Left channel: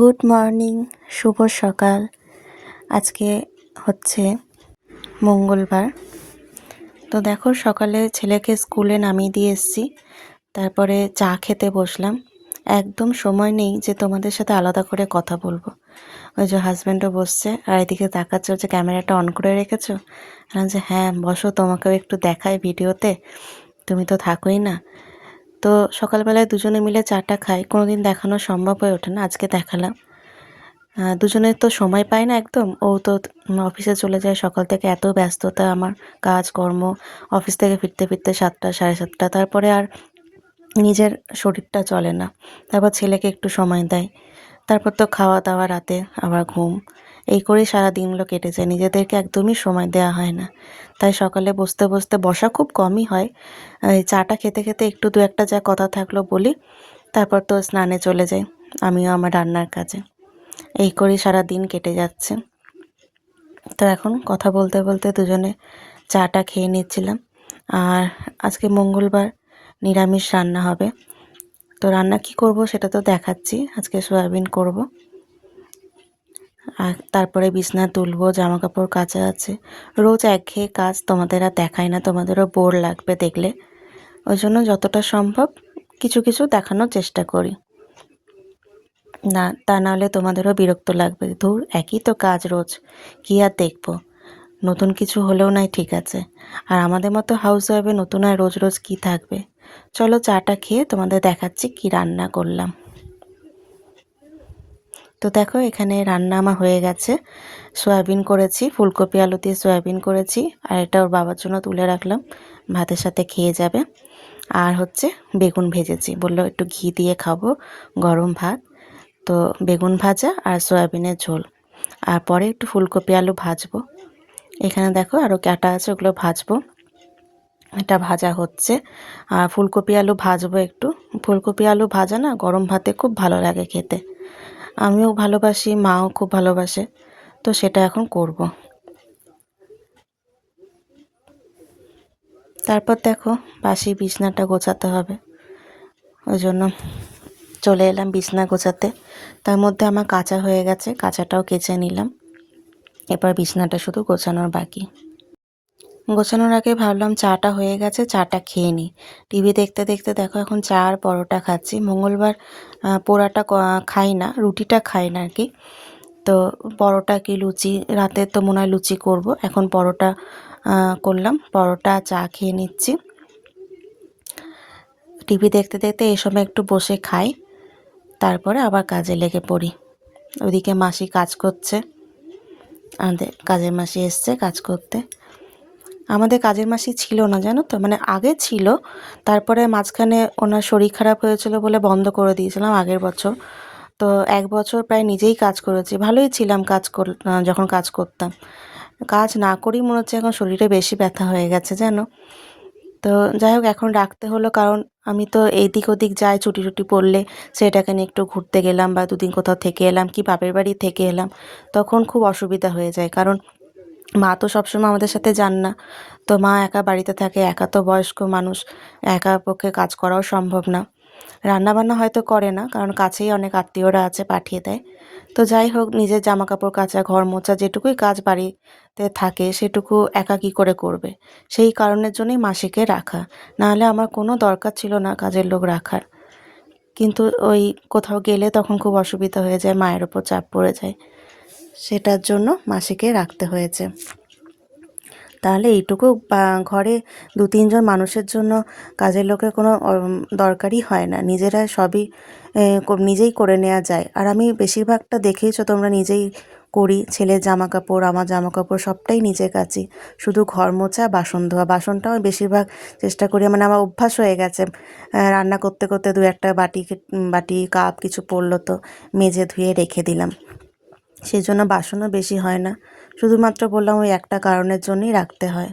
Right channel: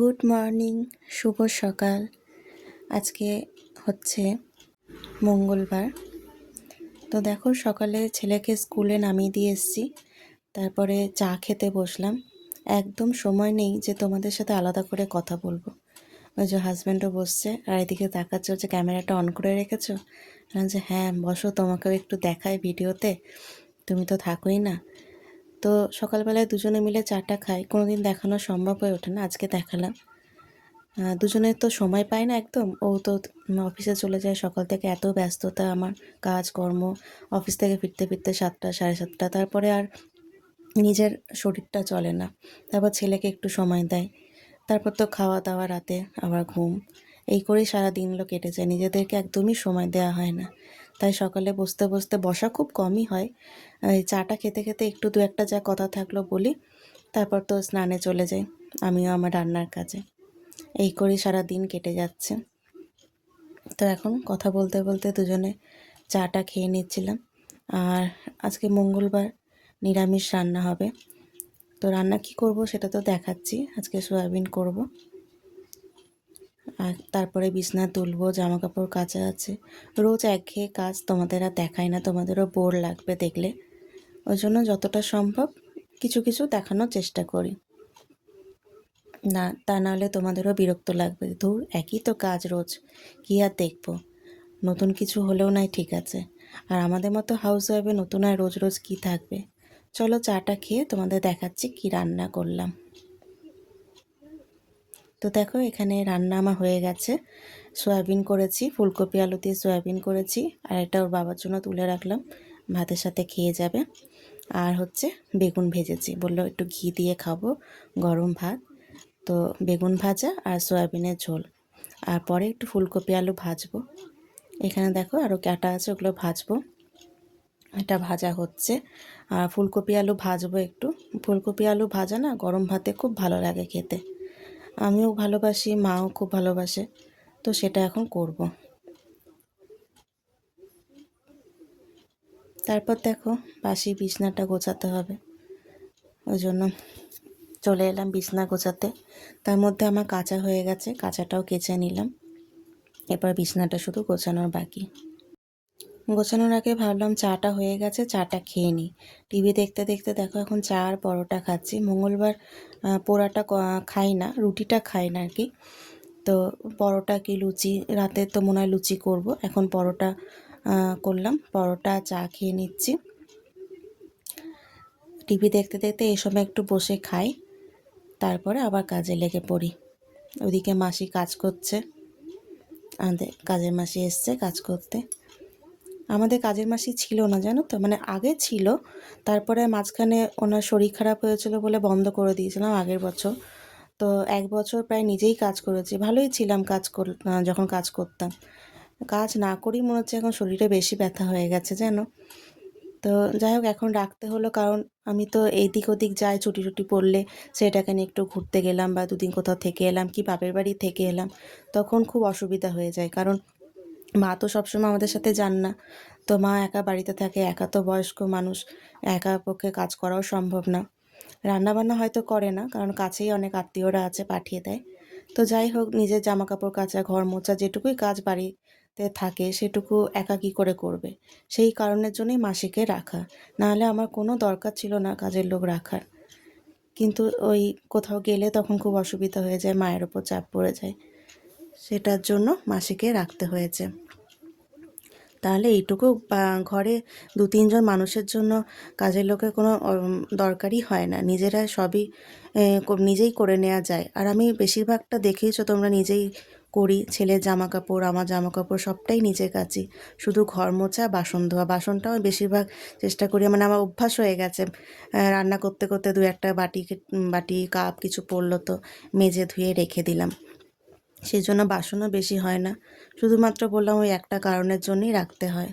Good morning, শুভ সকাল। আজকে হচ্ছে মঙ্গলবার। তো দেখো, সকালে ছেলেকে স্কুলে নামিয়ে দিয়ে এসেছি, তারপরে চা খেতে বসলাম। একদম সময় নেই যে তোমাদের সাথে আলাদা করে কথা বলবো। ওই যে হাজব্যান্ডও বসছে আর এদিকে তাকাচ্ছে, যে ক্যামেরাটা অন করে রেখেছো। যে হ্যাঁ বসো, তোমাকেও একটু দেখাই ভিডিওতে, তুমি তো থাকোই না। তো সকালবেলায় দুজনে মিলে চাটা খাই, কোনোদিন দেখানো সম্ভব হয়ে ওঠে না, আজকে দেখালাম। দুজনের তো সময় পাই না একদম। ও তো অফিসে চলে যায় সকাল থেকে, এত ব্যস্ততা আমার, কাজকর্ম, অফিস থেকে ফিরতে ফিরতে 7টা 7:30, তারপরে আর নিজের শরীরটা চলে না। তারপর ছেলেকে একটু সময় দেয়, তারপর তো খাওয়া দাওয়া, রাতে আবার ঘুম, এই করেই সারা দিনগুলো কেটে যায়। নিজেদেরকে একদমই সময় দেওয়া হয় না। তাই সকালে বসতে বসতে, বসা খুব কমই হয়, এই চাটা খেতে খেতে একটু দু একটা যা কথা থাকলো বলি, তারপর তো স্নানে চলে যাই, আমিও আমার রান্নার কাজে। এই করেই সারা দিন কেটে যাচ্ছে। তো এখন কথা বলতে বলতে দুজনে চাটা খেয়ে নিচ্ছিলাম। আর আজকে মঙ্গলবার, নিরামিষ রান্না হবে। তো রান্না কি করব সেটা তো দেখাচ্ছি। আজকে সয়াবিন করব, আর তারপরে বিছনা তুলবো, জামা কাপড় কাচা আছে। রোজ একঘেয়ে কাজ, তোমাদের আর দেখাই না, তোমাদেরও বোর লাগবে দেখলে। ওই জন্য যতটা সম্ভব কিছু কিছু দেখানোর চেষ্টা করি, না তা নাহলে তোমাদেরও বিরক্ত লাগবে। ধুর, একই তো কাজ রোজ, কী আর দেখবো। নতুন কিছু হলেও নাই, ঠিক আছে। আর আমাদের মতো হাউস ওয়াইফে নতুন আর রোজ রোজ কী থাকবে। চলো চাটা খেয়ে তোমাদের দেখাচ্ছি কি রান্না করলাম। তো দেখো, এখানে রান্না আমার হয়ে গেছে। সয়াবিন করেছি, ফুলকপি আলু দিয়ে সয়াবিন করেছি, আর এটা ওর বাবার জন্য তুলে রাখলাম, ভাতের সাথে খেয়ে যাবে। আর হচ্ছে বেগুন ভেজেছি, বললো একটু ঘি দিয়ে খাবো, গরম ভাত। তো বেগুন ভাজা আর সয়াবিনের ঝোল, আর পরে একটু ফুলকপি আলু ভাজবো। এখানে দেখো আরও কাটা আছে, ওগুলো ভাজবো। এটা ভাজা হচ্ছে, আর ফুলকপি আলু ভাজবো একটু। ফুলকপি আলু ভাজা না গরম ভাতে খুব ভালো লাগে খেতে, আমিও ভালোবাসি, মাও খুব ভালোবাসে। তো সেটা এখন করব। তারপর দেখো, বাসি বিছনাটা গোছাতে হবে, ওই জন্য চলে এলাম বিছনা গোছাতে। তার মধ্যে আমার কাঁচা হয়ে গেছে, কাঁচাটাও কেচে নিলাম। এবার বিছনাটা শুধু গোছানোর বাকি। গোছানোর আগে ভাবলাম চাটা হয়ে গেছে, চাটা খেয়ে নিই। টিভি দেখতে দেখতে দেখো এখন চা আর পরোটা খাচ্ছি। মঙ্গলবার পোড়াটা খাই না, রুটিটা খাই না আর কি। তো পরোটা কি লুচি, রাতে তো মনে হয় লুচি করব, এখন পরোটা করলাম, পরোটা চা খেয়ে নিচ্ছি। টিভি দেখতে দেখতে এই সময় একটু বসে খাই, তারপরে আবার কাজে লেগে পড়ি। ওদিকে মাসি কাজ করছে, আমাদের কাজের মাসি এসছে কাজ করতে। আমাদের কাজের মাসি ছিল না জানো তো, মানে আগে ছিল, তারপরে মাঝখানে ওনার শরীর খারাপ হয়েছিল বলে বন্ধ করে দিয়েছিলাম আগের বছর। তো 1 বছর প্রায় নিজেই কাজ করেছি, ভালোই ছিলাম যখন কাজ করতাম। কাজ না করেই মনে হচ্ছে এখন শরীরে বেশি ব্যথা হয়ে গেছে জানো। তো যাই হোক, এখন রাখতে হলো, কারণ আমি তো এইদিক ওদিক যাই, ছুটি টুটি পড়লে সেটাকে নিয়ে একটু ঘুরতে গেলাম, বা দুদিন কোথাও থেকে এলাম, কি বাপের বাড়ি থেকে এলাম, তখন খুব অসুবিধা হয়ে যায়। কারণ মা তো সবসময় আমাদের সাথে যান না। তো মা একা বাড়িতে থাকে, একা তো বয়স্ক মানুষ, একা পক্ষে কাজ করাও সম্ভব না। রান্নাবান্না হয়তো করে না, কারণ কাছেই অনেক আত্মীয়রা আছে, পাঠিয়ে দেয়। তো যাই হোক, নিজের জামা কাপড় কাচা, ঘর মোছা, যেটুকুই কাজ বাড়িতে থাকে সেটুকু একা কী করে করবে। সেই কারণের জন্যই মাসিকে রাখা, নাহলে আমার কোনো দরকার ছিল না কাজের লোক রাখার। কিন্তু ওই কোথাও গেলে তখন খুব অসুবিধা হয়ে যায়, মায়ের ওপর চাপ পড়ে যায়, সেটার জন্য মাসিকে রাখতে হয়েছে। তাহলে এইটুকু ঘরে 2-3 জন মানুষের জন্য কাজের লোকের কোনো দরকারই হয় না, নিজেরা সবই নিজেই করে নেওয়া যায়। আর আমি বেশিরভাগটা দেখেইছো তোমরা, নিজেই করি। ছেলের জামা কাপড়, আমার জামা কাপড় সবটাই নিজে কাচি, শুধু ঘর মোছা, বাসন ধোয়া। বাসনটাও আমি বেশিরভাগ চেষ্টা করি, মানে আমার অভ্যাস হয়ে গেছে, রান্না করতে করতে দু একটা বাটি কাপ কিছু পড়লো তো মেজে ধুয়ে রেখে দিলাম, সেই জন্য বাসনও বেশি হয় না। শুধুমাত্র বললাম ওই একটা কারণের জন্যই রাখতে হয়।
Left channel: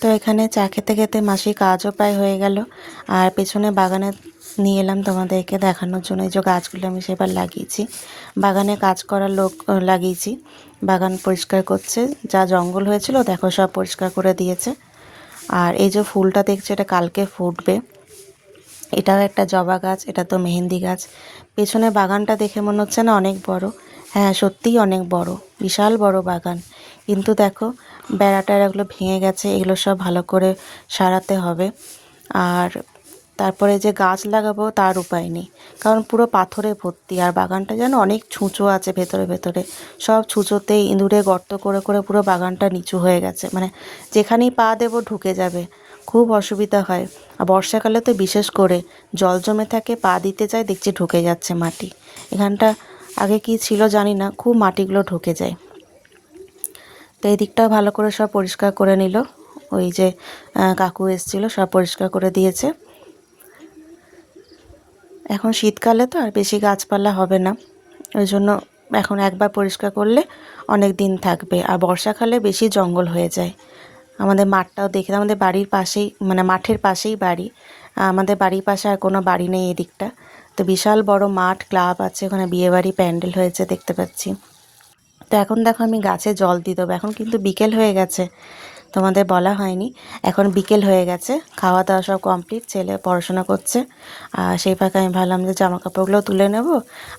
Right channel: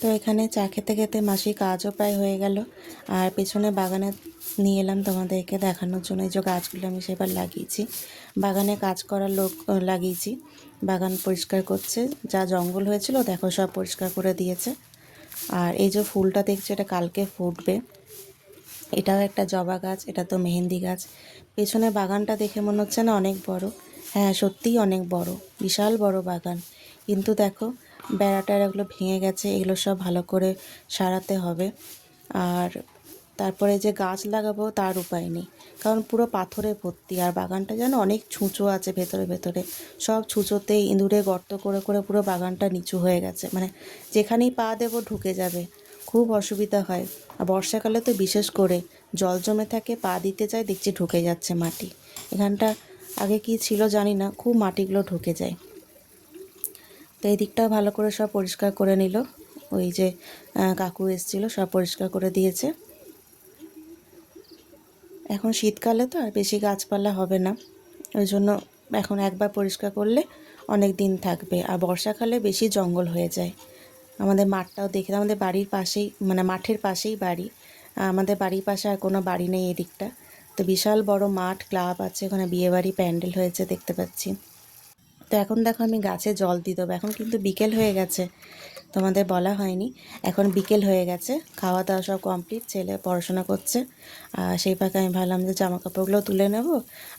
তো এখানে চা খেতে খেতে মাসির কাজও প্রায় হয়ে গেল, আর পেছনে বাগানে নিয়ে এলাম তোমাদেরকে দেখানোর জন্য। এই যে গাছগুলো আমি সেবার লাগিয়েছি, বাগানে কাজ করার লোক লাগিয়েছি, বাগান পরিষ্কার করছে, যা জঙ্গল হয়েছিল দেখো সব পরিষ্কার করে দিয়েছে। আর এই যে ফুলটা দেখছে, এটা কালকে ফুটবে, এটাও একটা জবা গাছ, এটা তো মেহেন্দি গাছ। পেছনে বাগানটা দেখে মনে হচ্ছে না অনেক বড়? হ্যাঁ, সত্যিই অনেক বড়, বিশাল বড় বাগান। কিন্তু দেখো বেড়া টেড়াগুলো ভেঙে গেছে, এগুলো সব ভালো করে সারাতে হবে। আর তারপরে যে গাছ লাগাবো তার উপায় নেই, কারণ পুরো পাথরে ভর্তি। আর বাগানটা যেন অনেক ছুঁচো আছে ভেতরে ভেতরে, সব ছুঁচোতে ইঁদুরে গর্ত করে করে পুরো বাগানটা নিচু হয়ে গেছে, মানে যেখানেই পা দেবো ঢুকে যাবে, খুব অসুবিধা হয়। আর বর্ষাকালে তো বিশেষ করে জল জমে থাকে, পা দিতে যায় দেখছি ঢুকে যাচ্ছে মাটি। এখানটা আগে কি ছিল জানি না, খুব মাটিগুলো ঢুকে যায়। তো এই দিকটাও ভালো করে সব পরিষ্কার করে নিল, ওই যে কাকু এসেছিলো সব পরিষ্কার করে দিয়েছে। এখন শীতকালে তো আর বেশি গাছপালা হবে না, ওই জন্য এখন একবার পরিষ্কার করলে অনেক দিন থাকবে। আর বর্ষাকালে বেশি জঙ্গল হয়ে যায়। আমাদের মাঠটাও দেখে, আমাদের বাড়ির পাশেই, মানে মাঠের পাশেই বাড়ি। আমাদের বাড়ির পাশে আর কোনো বাড়ি নেই এদিকটা। তো বিশাল বড় মাঠ, ক্লাব আছে, ওখানে বিয়েবাড়ি প্যান্ডেল হয়েছে দেখতে পাচ্ছি। তো এখন দেখো আমি গাছে জল দিয়ে দেবো, এখন কিন্তু বিকেল হয়ে গেছে, তোমাদের বলা হয়নি। এখন বিকেল হয়ে গেছে, খাওয়া দাওয়া সব কমপ্লিট, ছেলে পড়াশোনা করছে। আর সেই ফাঁকে আমি ভাবলাম যে জামা কাপড়গুলো তুলে নেব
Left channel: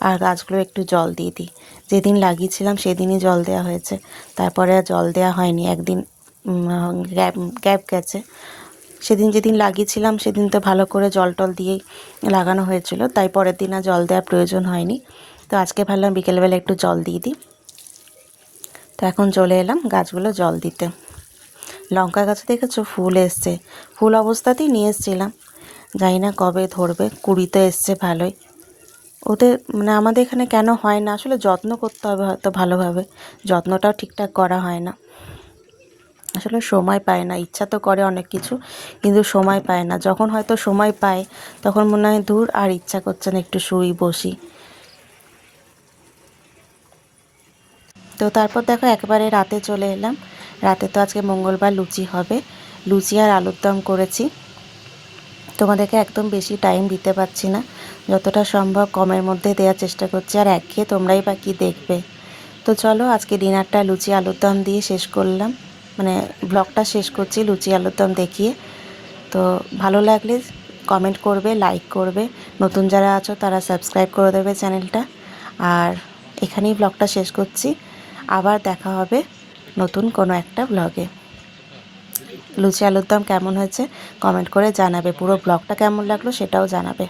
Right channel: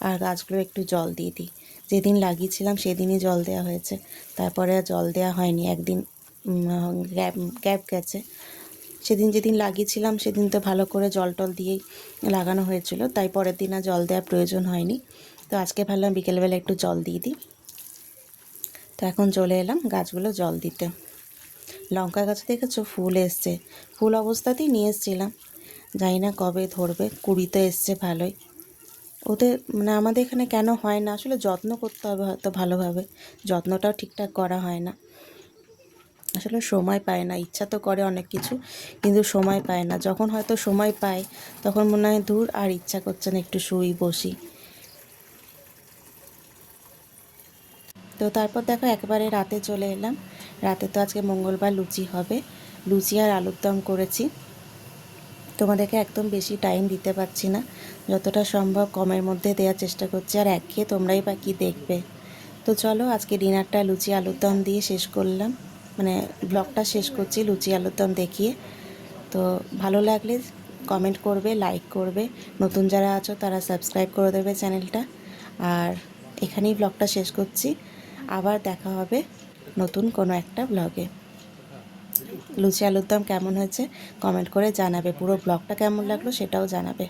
আর গাছগুলো একটু জল দিয়ে দিই। যেদিন লাগিয়েছিলাম সেদিনই জল দেওয়া হয়েছে, তারপরে আর জল দেওয়া হয়নি, একদিন গ্যাপ গ্যাপ গেছে। সেদিন যেদিন লাগিয়েছিলাম সেদিন তো ভালো করে জল টল দিয়েই লাগানো হয়েছিল, তাই পরের দিন আর জল দেওয়ার প্রয়োজন হয়নি। তো আজকে ভাবলাম বিকেলবেলা একটু জল দিয়ে দিই। তো এখন চলে এলাম গাছগুলো জল দিতে। লঙ্কা গাছে দেখেছো ফুল এসছে, ফুল অবস্থাতেই নিয়ে এসেছিলাম, জানি না কবে ধরবে। কুড়ি তো এসছে ভালোই। ওদের মানে আমাদের এখানে কেন হয় না, আসলে যত্ন করতে হবে হয়তো ভালোভাবে, যত্নটাও ঠিকঠাক করা হয় না। আসলে সময় পায় না, ইচ্ছা তো করে অনেক কিছু, কিন্তু সময় পায় না। যখন হয়তো সময় পায় তখন মনে হয় দূর, আর ইচ্ছা করছে না, একটু শুই বসি। তো তারপর দেখো একেবারে রাতে চলে এলাম। রাতে তো আজকে মঙ্গলবার, লুচি হবে, লুচি আর আলুর দম করেছি। তোমাদেরকে একদম বেশি টাইম দিতে পারছি না, যতটা সম্ভব কমের মধ্যে দেওয়ার চেষ্টা করছি। আর একঘেয়ে তোমরাই বা কী দেখবে। তো চলো আজকে ডিনারটা লুচি আলুর দম দিয়ে শেষ করলাম, মানে ব্লগটা শেষ করছি লুচি আলুর দম দেখিয়ে। তো ভালো লাগলে কমেন্ট করবে, লাইক করবে, নতুন যারা আছো তারা সাবস্ক্রাইব করে দেবে চ্যানেলটা। আর এখানেই ব্লগটা শেষ করছি, আবার দেখা হবে নতুন কোনো একটা ব্লগে। লুচি আলুর দম কেমন হয়েছে কমেন্ট করে জানাবে, পুরো ব্লগটা কেমন লাগলো সেটাও জানাবে।